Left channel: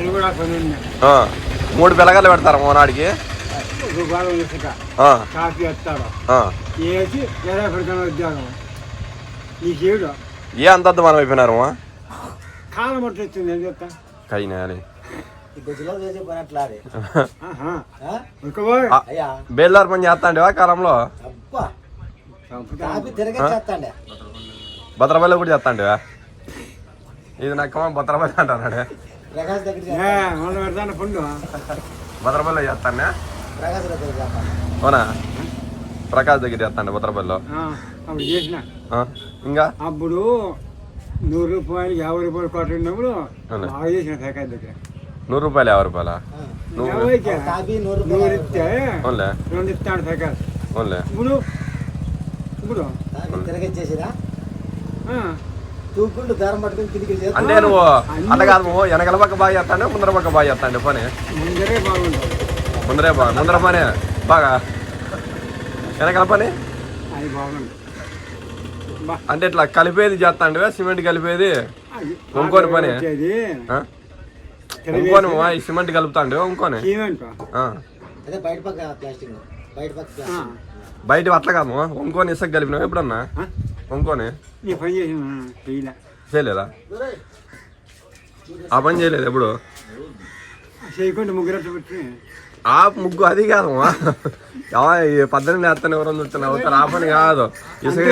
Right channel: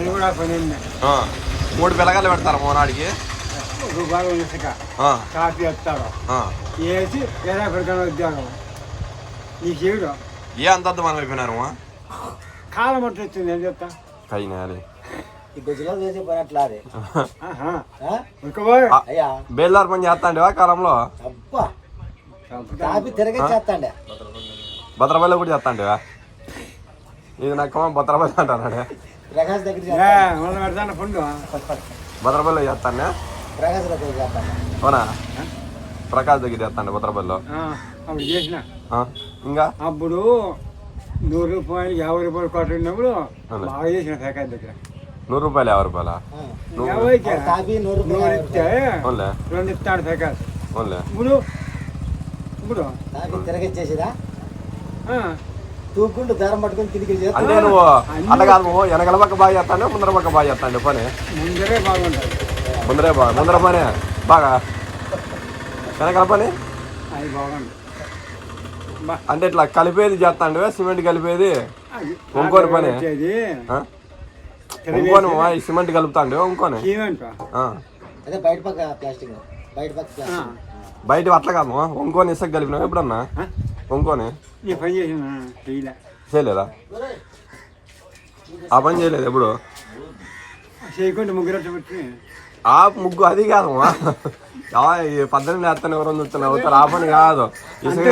3 పిల్లగాళ్ళు పెడతారు మోనాడికి కాఫీ వేస్తాడు వేసి ఎలా పెడతాను ఉద్యోగం నీకేడు ఏ అంత మనం అయిపోయినారు కాలం అట్లా వచ్చింది ఏం చెప్తా కైనాలి బేల్దార్ పని చేస్తాండివా కాలంలో భద్రపల్లి కూడా చేస్తాండివా ఇది నక్కమా భద్రపల్లి అంటాడు పండు భద్రపల్లి చేస్తానే అవునా ప్రకాష్ దగ్గర చేస్తాండి భద్రపల్లిలో అప్పుడు చేసిన ఇంకా అప్పుడు 100 రూపాయలు 50 రూపాయలు కొట్టినప్పుడు బాగా చేసిన ప్రకాష్ దగ్గర 100 రూపాయలు 50 రూపాయల 100 ఇస్తే 2 ఇస్తాడు ప్రకాష్ ఇప్పుడు ఇప్పుడు తిరగచ్చేసిరా తూకుంటూ దారం పట్టుకుని తిరిగి అంటే నువ్వు అట్లా కాదు నువ్వు వెనకల పక్క బాగా చేస్తాండి ముందర పక్క బాగా చేస్తాండి పని ముందరే బాగుంటుంది ముందర పని బాగా వెనకల పని అది బాగుంది అంటే ఇట్లా కలిపేది చేస్తాండి సిమెంట్ కలిపేది ఇంకోని పని ఇంకోని సిమెంట్ కలుపుతాండి ఇంకోని బయట అట్లా కాదు ఇంకోని ఇసుక కలిపినావు ఎప్పుడన్నా ఇంకోని పని చేసిన చేయలేదా ఆ పని చేయలేదు ఎప్పుడు చేయకుండా ముగ్గురు ఆ ముగ్గు అది కాదు 18 వేస్తాను ఎవరో చూస్తున్నారు ఆ పని కాదు ఇసుక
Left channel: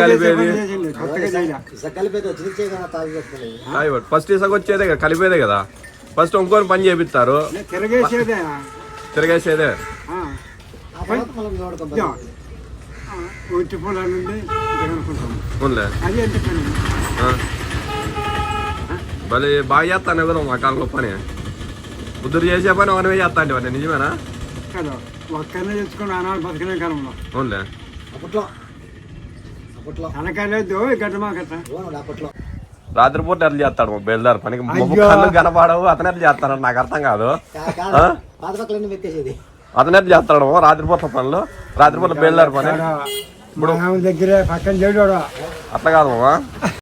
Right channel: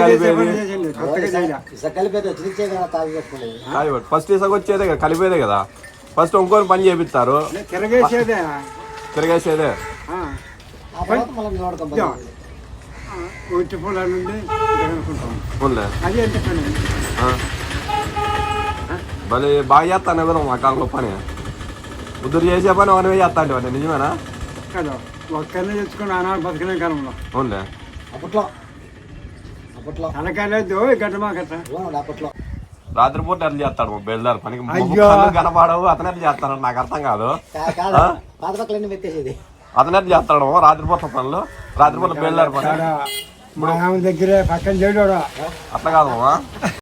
కలిపేది ఫస్ట్ ఇసుక వచ్చేదే కదా కలిపేదే కదా ఫస్ట్ ఇంకోని పని చేపిస్తారు తిరగేసేదే భలే బాగా చేస్తాను ఎవరు మా కాలంలో పని బుద్ధుడు చేసే పని ఒకనే చేస్తా అంటే నిజమేనా కదా ఒక్కరినే తెచ్చుకుని ఆనాడు బతికిన కాలంలో అవునులే తనకాయలేదు గడ్డమా కట్ట రాత్రిపూట ఎట్లా చేస్తాడు బయలుదేరి పనికి కనపడవు అతను ఎట్లా చేస్తాడు నాకు అర్థం కాదు అతను ఎట్లా చేస్తాడు రాత్రిపూట పనులు రాత్రిపూట బయలుదేరి పని ఇప్పుడు దగ్గర పక్కన చేయడు అట్లా కాదు